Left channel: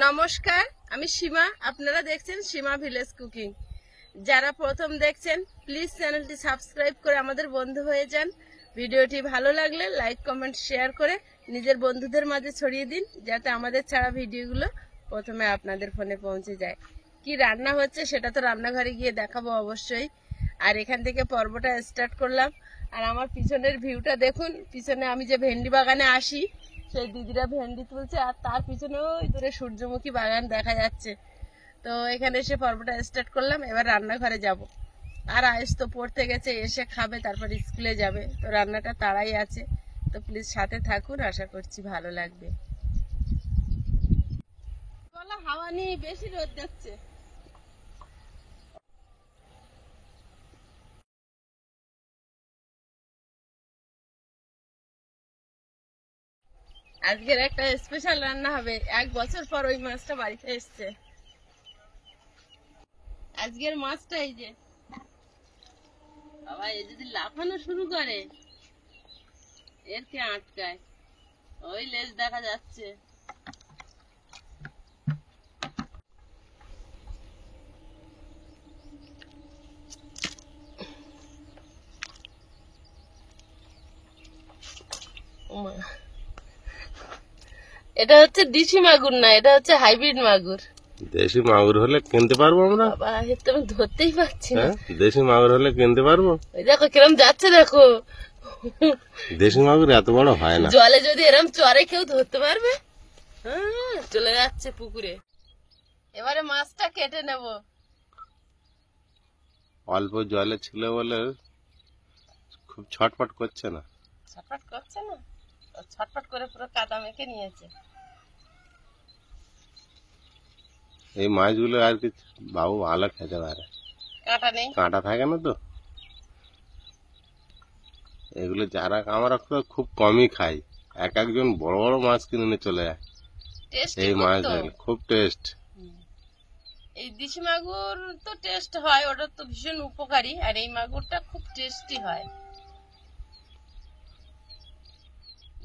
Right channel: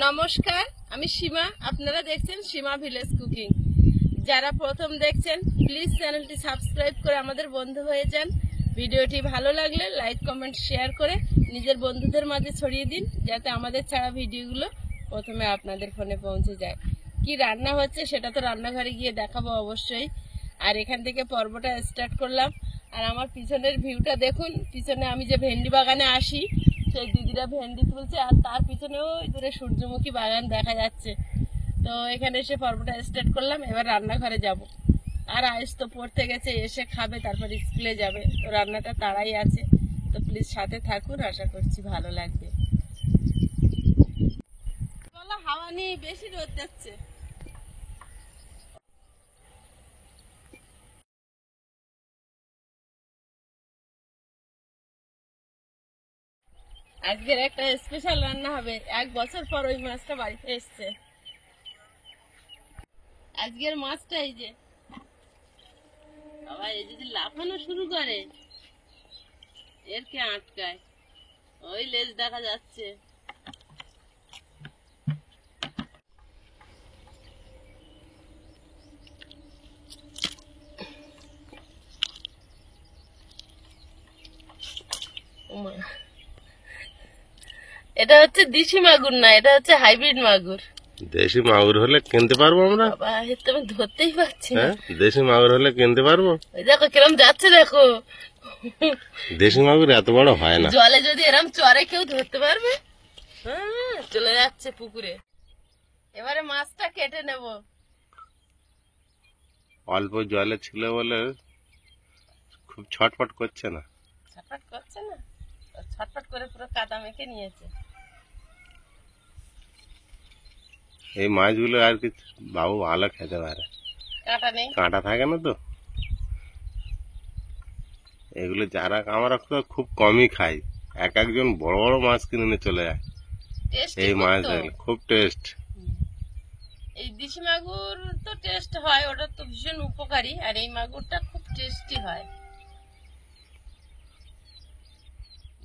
নমস্কার, আমি সীমা। আপনারা দেখছেন সীমা ভিলেজ কুকিং। যারা প্রথম দেখছেন প্লিজ চ্যানেলটি সাবস্ক্রাইব করে আমাদের বন্ধু হয়ে যান। ভিডিওটি ভালো লাগলে লাইক কমেন্ট শেয়ার করে নিজের বন্ধুদের মাঝে ছড়িয়ে দিন, যাতে আমাদের ছাড়া ভিডিওগুলো প্রথমে আপনাদের ফোনে পৌঁছে যায়। কি রান্না হচ্ছে সেটা তো রান্নাঘরে গিয়ে দেখাবো অবশ্যই। আর এখান থেকে পর্বটা স্টার্ট করলাম। আর আমার পিছনের ভিউটা দেখুন। পিছনে আমি যে ভেন্ডি বাগানে আসি সেই দিদিরা ভেন্ডি তুলছে, আর তার পিছনে ওই দূরে সূর্যমুখী বাগান দেখা যাচ্ছে। তো এখানে এসে পর্বটা স্টার্ট করলাম। এবার রান্নাঘরে যাব। আর আয়েস তো পড়তে গেছে, এসে খাবে, তারপর স্কুলে যাবে। তো রান্নাটা তাড়াই আছে। তো প্লিজ সাথে থাকুন, আশা করছি ভালো লাগবে। হাওয়া নেই, বেশি রোদ যাচ্ছে। আজকের একটা স্পেশাল রান্না হবে। 1 বছর পর ওই মাছটা বাড়িতে এসছে। আজকের মাছটা এই যে বাবা, এই যদি লাফানো শুরু করে এর কে আটকায়? ওই লেজ দেখা যাচ্ছে। এটা হচ্ছে দেশি মাগুর না, এটা হচ্ছে হাইব্রিড মাগুর। দেশি মাগুর হলে কিনতে পারবো আমরা? বাবা, এর তো আমি ধরতেই পারছি না। দেশি মাগুর হলে কিনতে পারবো? ওই দেখো কিরম যাচ্ছে, দেখো। দেশি মাগুর এত বড় হয় না। জলে যদি এরম চরে কেউ ধরতে পারবে। চলে যাচ্ছে পুকুরে। এবারে মাছটা কেটে নেব। অল্প জলে ছিল বলে খুব ছটফট করছে না। ছটফট করছে না, ছটফট করে পুরো কাদা মেখে নিয়েছে। এই মাছগুলো আর কি বাবু ভালো খেতে পারে। কাঁটা নেই, কাঁটা থাকে না তো। এগুলো যারা আমরা খুব কমই খাই। একজন বড় বড় মাছ কিনে নিয়ে চলে যায়। এই মাছ খুব টেস্ট। এই দেশি মাগুর তো টেস্ট হয়, ওটা তো ভীষণ উপকারী। আর এই মাগুরটা খুব টেস্টি হয়।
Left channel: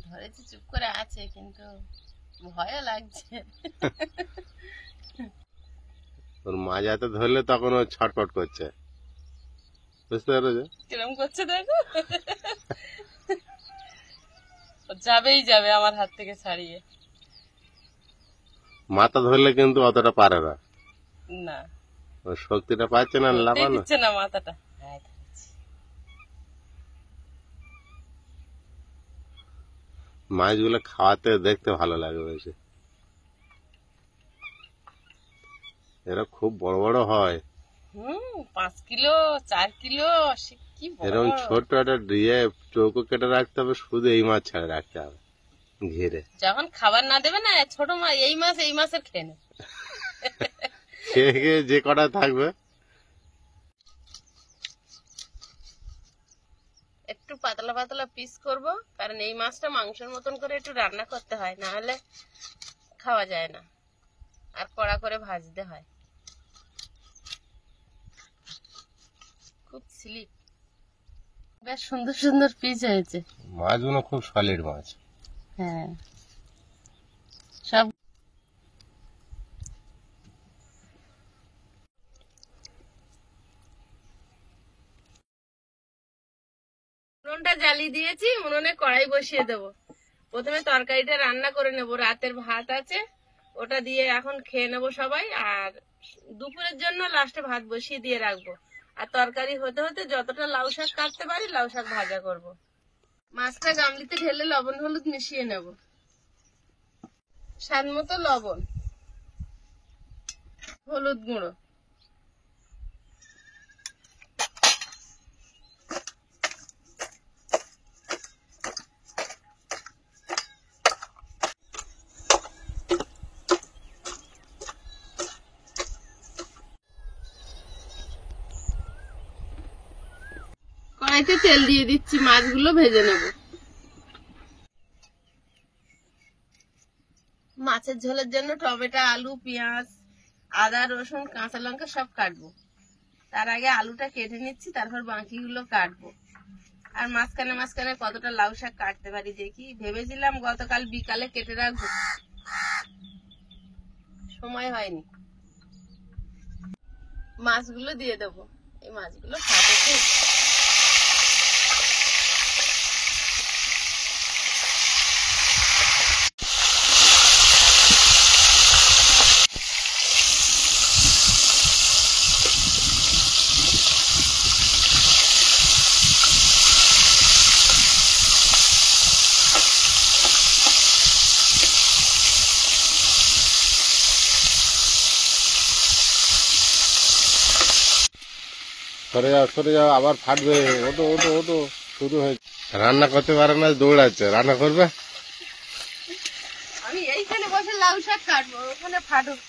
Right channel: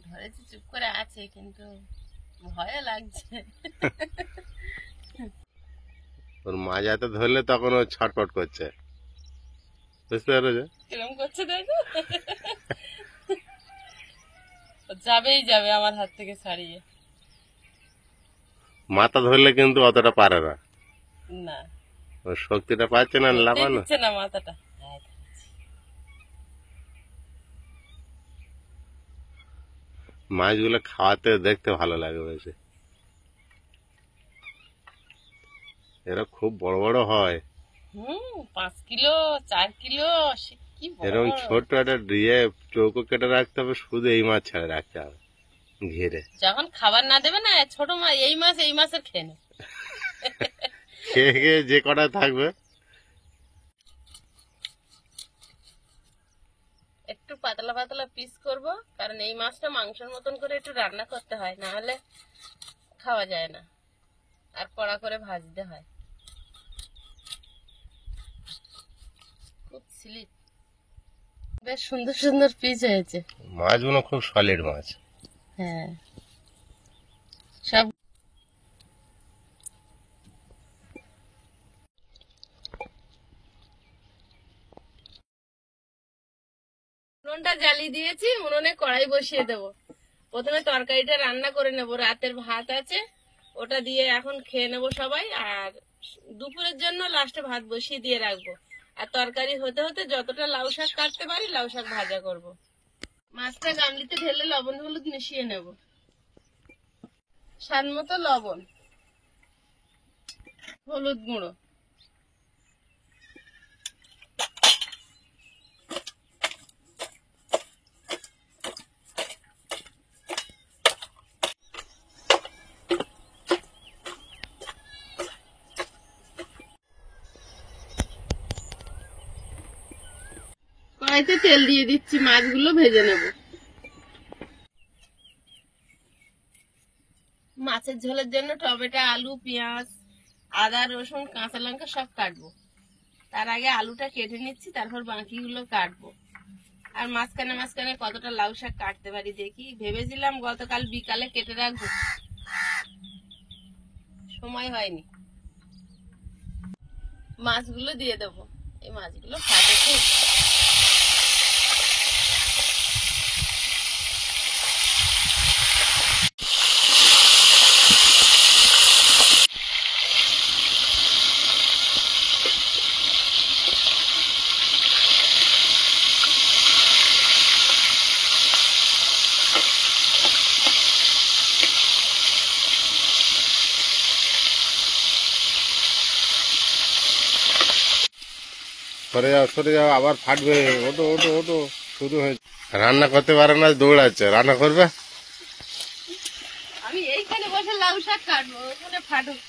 ধরেছি, চুপ করে আছে, কিন্তু ভয় লাগছে। ওর মাছ এত ধরলে তখন ও ছটফট করছে, বুঝতে পেরেছো? কিরম করছে দেখো। যাবেই যাবে আমার হাত থেকে ছাড়িয়ে। মাথা ধরলে কিন্তু অতটা পারে না। না, ওর শক্তিটা পাচ্ছে না, লাফানো দিচ্ছে না মাথাটা। মাছগুলো খাওয়াতে দেখতে ভালো লাগে বেশি। এরা খুব বড় বড় হয়। 5 কিলো 4 কিলো। এরকম ছোট একটা দিয়ে চৌকো কেটে রাখতে হবে, শুধু এই মাছ ছেড়ে রাখতে হবে ঘিরে। যখন খাবার না দেবে না, ছোট মাছ, এই মাছের খেয়ে নেবে। খেয়ে খেয়ে যে কটা থাকবে। একটু পাতলা পাতলা পিস করব, কারণ এই মাছটা মাংসের মতন করে একটু রান্না করতে হয়, না হলে খাওয়া যায় না। আর কড়া করে ভাজতে হয়। খুব স্লিপ। বেশ সুন্দর সুন্দর পিস হয়েছে। মাছগুলো খুব সলিড মাছ। হ্যাঁ, সব উনুনটা জ্বালিয়ে দিয়েছি। উনুনে কড়াই বসিয়ে দেবো। প্রথমে তরকারিটা রান্না করে নেব। রাতের ভাত আছে, ওটা দিয়ে এখন খেয়ে নেব সবাই। আর দুপুরের জন্য লাস্টে ভাত বসিয়ে দিয়ে রাখবো। আর তরকারি হতে হতে যতটা লাউ শাক কাটতে পারি লাউ শাক ভাজা করব। মাছটা গামলিতে ঢেলে লবণ হলুদ মিশিয়ে নেব। স্বাদ মতো লবণ, হলুদ গুঁড়ো, কড়াইতে তেল দিয়ে দিচ্ছি। মাছগুলো ভেজে নেব। মাছের ঝোলের জন্য টমেটো, আলু, পেঁয়াজ, আদা, রসুন, কাঁচা লঙ্কা সব কাটবো। তার আগে আলুটা কেটে নিচ্ছি, তারপর বাকিগুলো কাটবো। আর মাঝখানে মাঝখানে কতটা লাউ শাক কাটতে পারি দেখি। ভেবেছিলাম গতকাল বিকালে কেটে রাখবো, সময় হয়নি। মাছগুলো দিয়ে দেবো, এই মাছগুলো ফাটে খুব। সরে যাও, আবার ফাটবে। ওটো ওটো ওটো, শুরু হয়েছে। রান্না করতে পারে না, দৌড়াচ্ছে। রান্না করবে? আমি এইখানে বসে লাউ শাক কাটবো, ওখানে ফাটুক।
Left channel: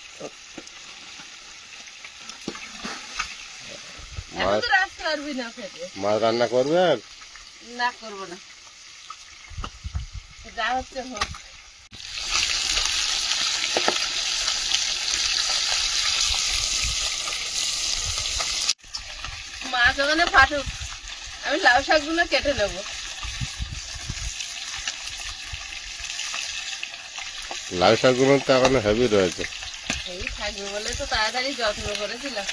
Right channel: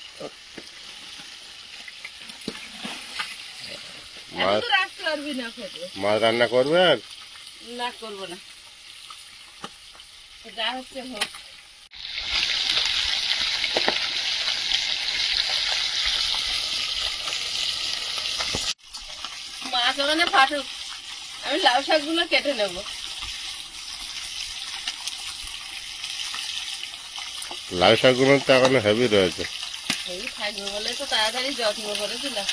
এত দূর আসতে পারবি না ফেটে। মাছ রান্না করবে? আর না, করবো না, যা হচ্ছে হোক। মাছ ওখানে ফাটুক, আমি লাউ শাকগুলো কেটে নেবো। লাউ শাকগুলো তো এখন হেভি রয়েছে। এই থাকবে বলে তো তাড়াতাড়ি যত্ন করেছিলাম।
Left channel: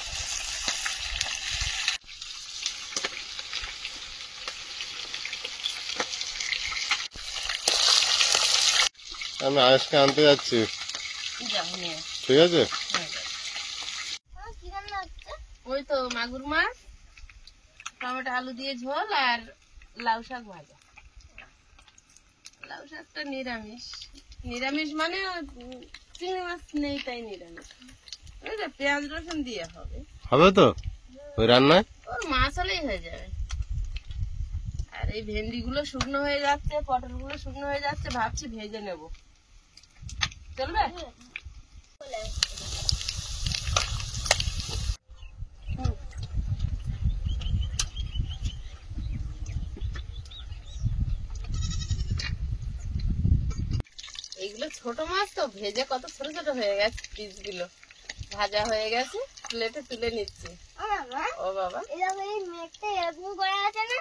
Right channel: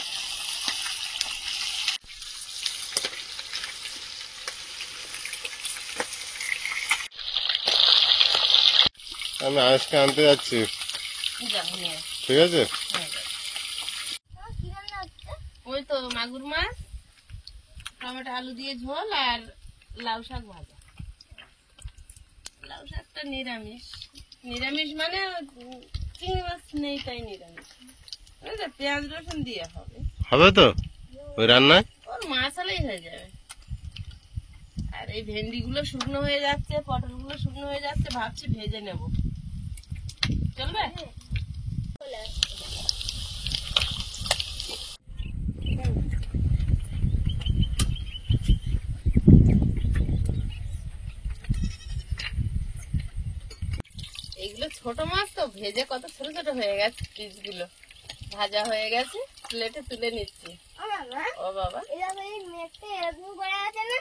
আমি আজকে আনতে যাচ্ছি, যাবো নিয়ে। ঠিক আছে? ওই তো মাগুর মাছ, টমেটো আলু দিয়ে ঝোল, আর লাউ শাক ভাজা। লাউ শাকটা নিরামিষ। নিরামিষ মানে চিংড়ি মাছ নেই, তাই নিরামিষ। ওই যে পেঁয়াজ রসুন দিয়ে হবে। হবে তো ওই রান্নায়? ওর মাছ হলেই হয়ে যাবে। আর এই ভেন্ডি গুলো শুকনো হয়ে যাচ্ছে, পটল গুলো শুকনো হয়ে যাচ্ছে, ভাবছি ভেজে নেব। চলবে? এইগুলো ছোট মাছ তো, ভেজে কত ছোট ছোট হয়ে গেছে পিস গুলো। ভাজা হয়ে গেছে, প্লেটে তুলে নিচ্ছি। ও বাবা, এরকম করে আছে না?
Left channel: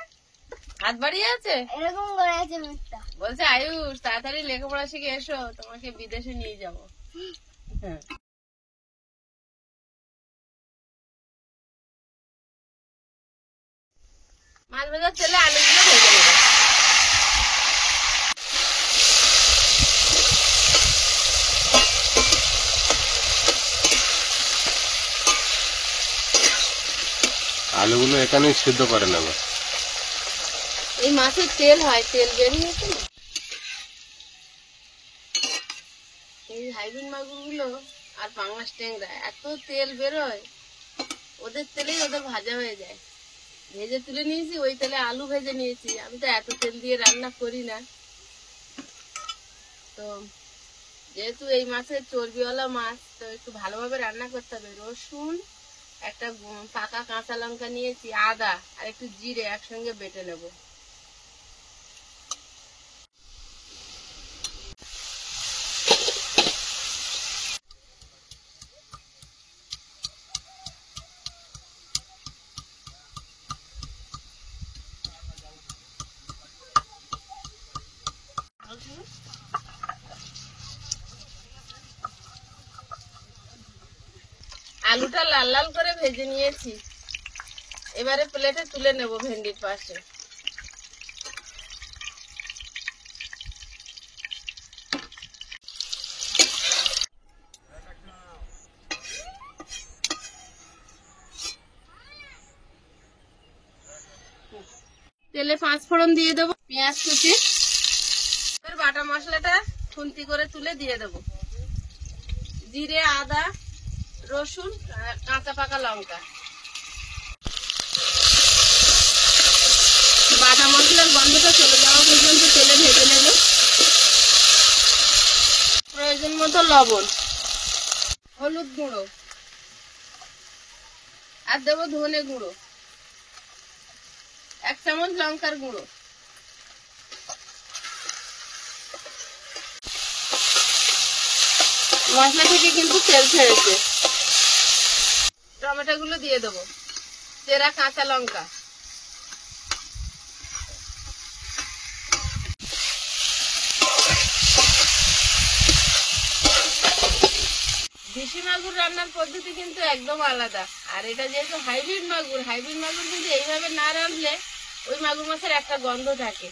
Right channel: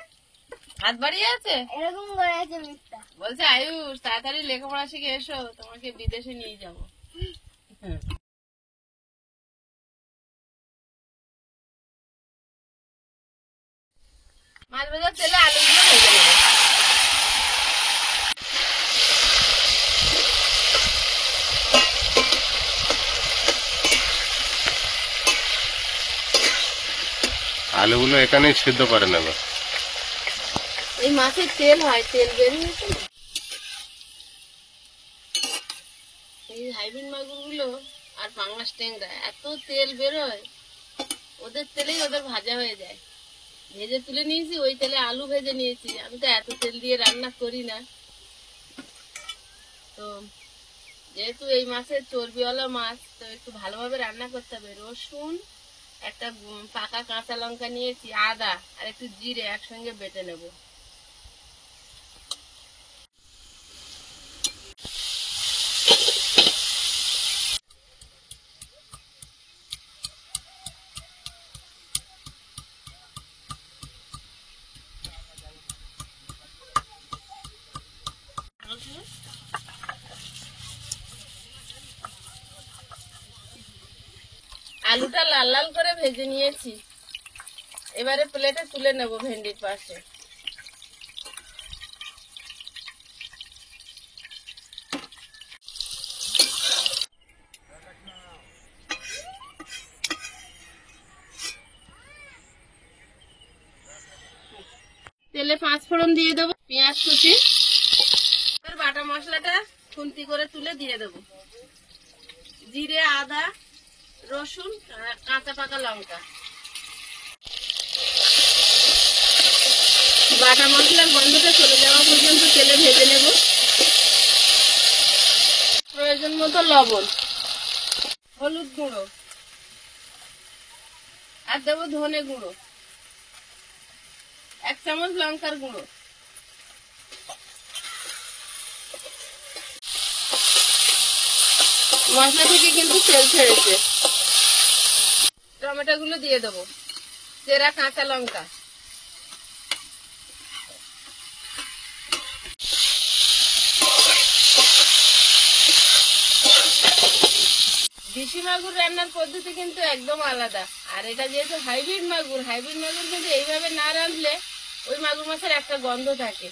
হাত বাড়িয়ে আছে, এরকম করে আছে মেঘটা। বলছে আয়ুষ তাড়াতাড়ি লেখাপড়া শিখে এসো, তোমাকে বিদেশে নিয়ে যাবো। হ্যাঁ। মাছ ভাজা চলে, আলুগুলো ভেজে নেবো। আলুগুলো এখানেই সিদ্ধ করে নেবে। এই মাছের তেল হয়, তেল বেরিয়েছে না। এই হাইব্রিড মাগুর গুলো আর পাঙাশ ট্যাংরা এত তেল বেরোয়, ওদের তেলেই ওদের ভাজা হয়ে যায়। ভেজে তুলে নিয়েছি, ওই তেলে আলু ভেজে নিয়েছি। আমি তো এত তেল দিয়ে রান্না করি না। তো যেহেতু এই মাছের চর্বিওয়ালা মাছ, তো একটু ভালোভাবে রান্না করতে হবে। রসুন, একটা পাকা কাঁচা লঙ্কা নিয়েছি, আদা আর একটু জিরে একসঙ্গে বেটে নেব। আলুটা লাল লাল করে ভেজে নিয়েছি, এবারে প্লেটে তুলে নেব ভেন্ডির পাশে। তেলে 5 ফোড়ন দিয়ে দেবো, পেঁয়াজ কুচি, এবার বাটা মশলাটা খুন্তি করে তুলে দিয়ে দেবো। জিরে, আদা, রসুন, কাঁচা পাকা লঙ্কা। বাটা মশলার গন্ধটা চলে যাওয়া পর্যন্ত তেলে ভেজে নেব। প্রয়োজন মতো লবণ, হলুদ গুঁড়ো, আর দেবো ধনে গুঁড়ো, 1 চামচ লঙ্কার গুঁড়ো। মশলা থেকে কিন্তু তেল ছেড়েছে। টমেটো গুলো দিয়ে দেবো, চেরা কাঁচা লঙ্কা, দেশি মাগুর রান্নার পদ্ধতি কিন্তু একদম আলাদা। আর এটা যেহেতু হাইব্রিড মাগুর কিন্তু এইভাবে না রাঁধলে ওই মাগুর মাছের একটা গন্ধ থাকে,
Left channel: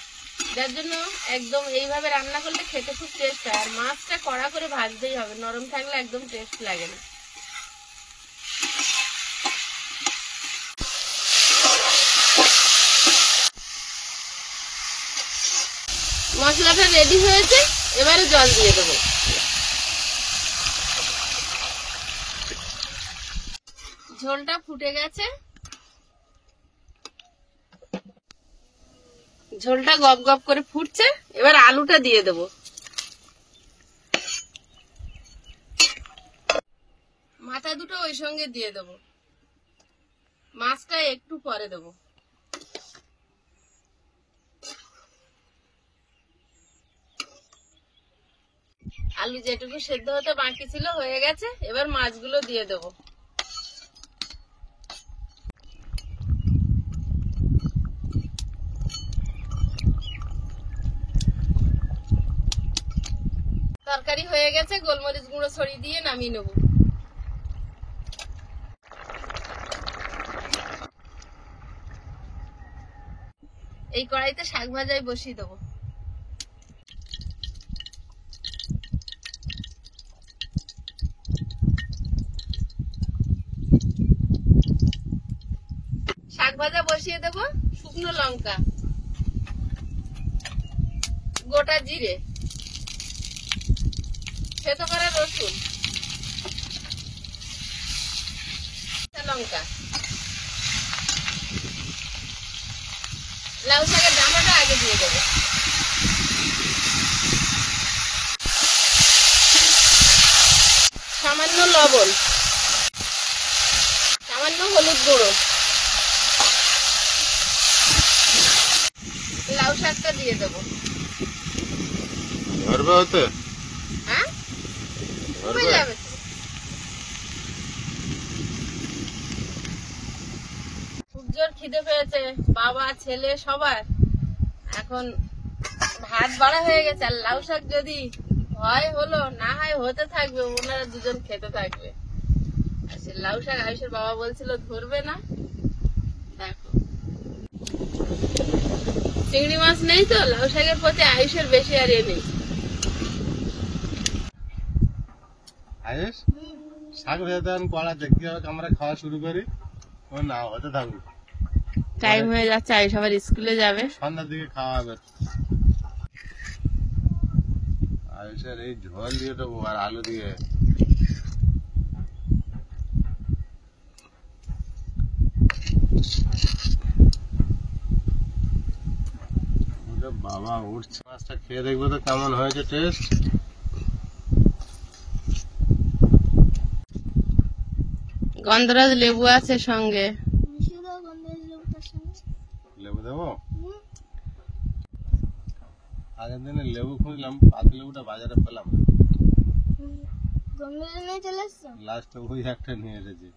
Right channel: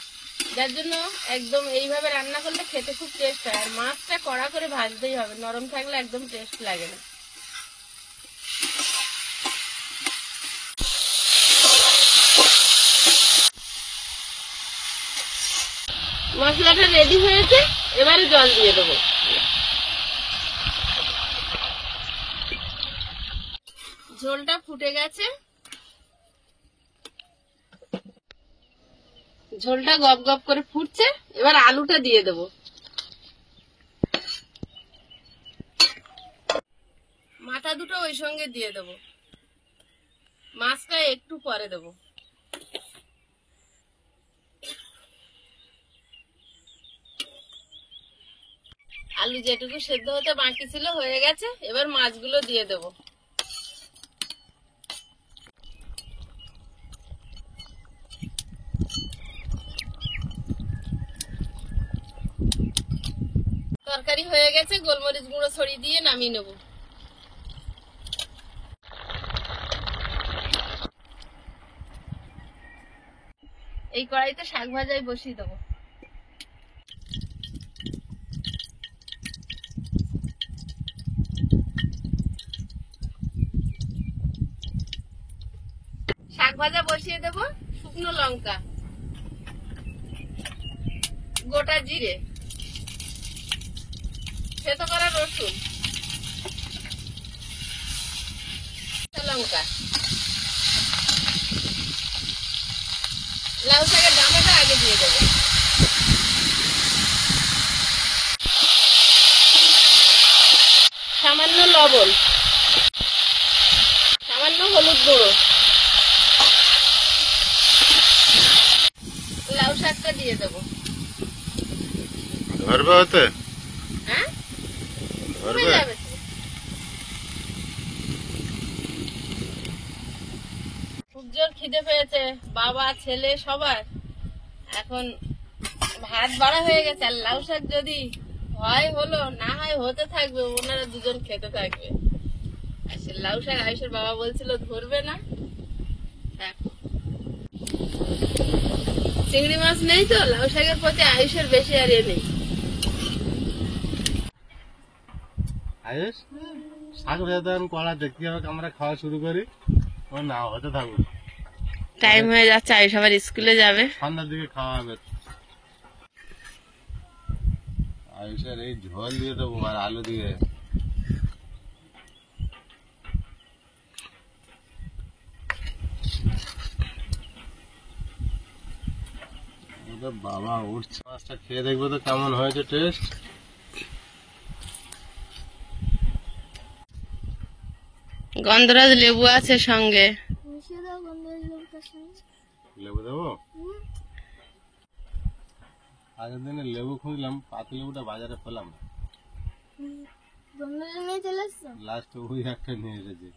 যার জন্য একদম এইভাবে রান্না করলে খেতে খুব টেস্ট হয়। আর মাছটা কড়া করে ভাজতেই হবে, নরম থাকলে একদম টেস্ট লাগে না। মশলাটা রেডি হয়েছে, এবারে জল দিয়ে দেবো। ঝোলটা ফুটে গেছে, ঝোলটা গপ গপ করে ফুটছে, এবার আলুটা দিয়ে দেবো। মাথা দুটো ওই সঙ্গে দিয়ে দেবো, মাছটা একটু পরে দেবো। আলু যেটুকু সেদ্ধ হতে বাকি ছিল হয়ে গেছে, এবার মাছগুলো দিয়ে দেবো। তরকারি হয়ে গেছে, গোলমরিচ গুঁড়ো ছড়িয়ে দিয়ে নামিয়ে নেব। এই কড়াইতে শাক ভাজাই বসিয়ে দেবো। শাক ভাজা বসিয়ে দেবো, শুকনো লঙ্কা, গোটা জিরে, থেতো করা রসুন, লঙ্কা, লাউ শাকের ডাঁটাটা আগে দিয়ে দেবো। সামান্য লবণ, সামান্য হলুদ গুঁড়ো, লাউ শাকটা দিয়ে দেবো। ধরবে হতে? হ্যাঁ, ধরবে? যাবে। খুব জোর খিদে পেয়েছে বাবা ছেলে সবার, এখন ভাত বাড়া হয়ে গেছে। আর লাউ শাক যদি হয় হলো, না হয় হতে থাকবে, ওনারা দুজন খেতে থাকবে। আর সে লাউ শাক আয়ুষের বাবা বলছিল ধরবে না, দেখো চিংড়ি মাছ নেই তো, লাউ শাকের প্রতি আয়ুষের বেশি আর নেই। আয়ুষ, শাক ভেজা কড়া দেখতে হবে, আমরা খাওয়া শুরু করি। ও না হতে থাকুক, টাইম হয়ে যাচ্ছে, আয়ুষ আবার স্কুলে যাবে। সন্ধ্যার দিকে খাওয়া হবে। আয়ুষের এই ঝোল দিয়ে দেবো আর আলু দিয়ে। বাবা উঠছে, মাছটা খেয়ে দেখবো তো কেমন হয়েছে টেস্ট। গন্ধরাজ লেবু আছে সঙ্গে, মিশিয়ে দাও গন্ধরাজ লেবুটার সঙ্গে। লেবু দেবো? আগের দিনে লেবু খুঁজলাম, পাত লেবুটা বাজারে পেলাম, গন্ধরাজ নিয়ে চলে এসছো? লাস্টে ওই একটা নিয়ে এসেছি।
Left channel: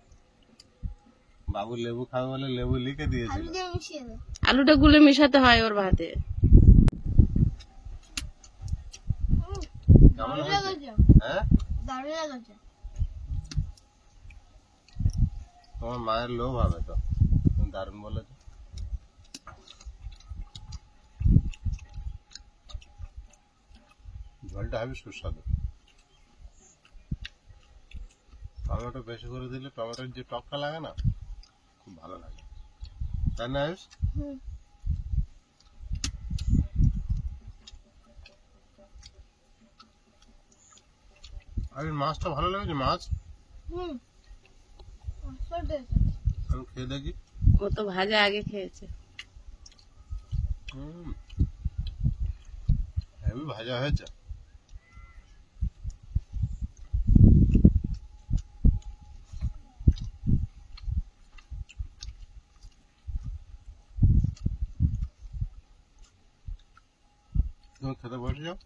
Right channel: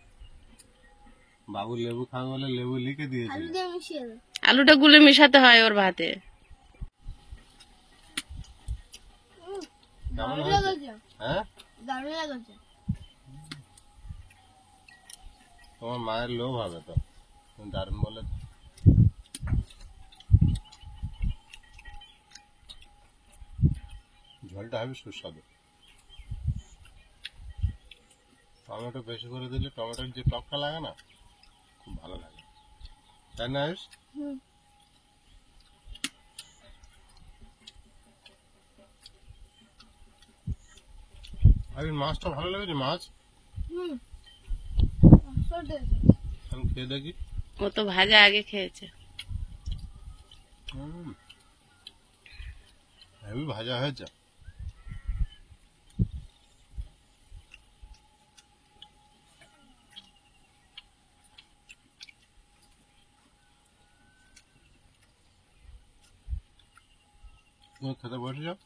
বাবু লেবু খাবে বলে লেবু লিখে দিয়েছিল। আলু দিয়ে মিশিয়ে দাও। আলুটা গুলে মিশাতে হয় ওর ভাতে। কেমন দারুণ হয়েছে? লেগেছে, হ্যাঁ, দারুণ লেগেছে। তোমার মায়ের লোভ হবে তো, তুমি দারুণ বলে। ঝোলটা হবে সুস্বাদু। টমেটো বেশি করে দিলে টমেটোর যে টকটা লাগে না, খুব ভালো লাগে, তাই না আয়ুষ? হুম, আরে মাছটা ভালো লেগেছে, মাছ হুম, আমি খেয়ে দেখি। ও তো ভাজা আগে খেয়েছে। হেভি ভাজা হয়েছে। তুমি খেতে বসে যাও।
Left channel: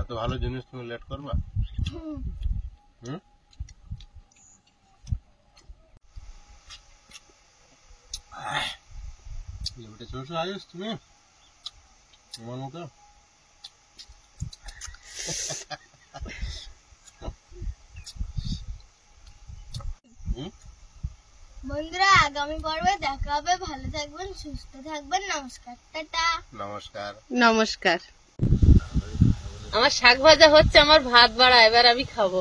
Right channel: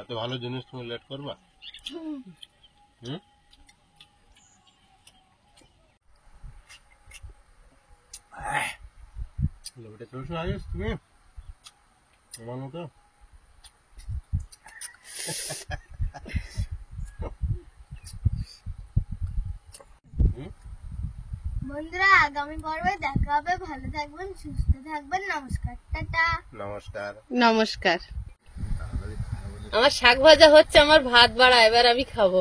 এত ভালো জিনিস তুমি লেট করবা? হুম, লেবুটা চলছো আয়ুষ তুমি আমার মতো? বন্ধুরা আগামী পর্বে দেখা হবে, ভালো থাকবেন, সুস্থ থাকবেন, নমস্কার, টাটা। নমস্কার। নমস্কার। আমার শাক ভাজা হচ্ছে, আমার ভাত বাড়া, এবার আমি খাবো।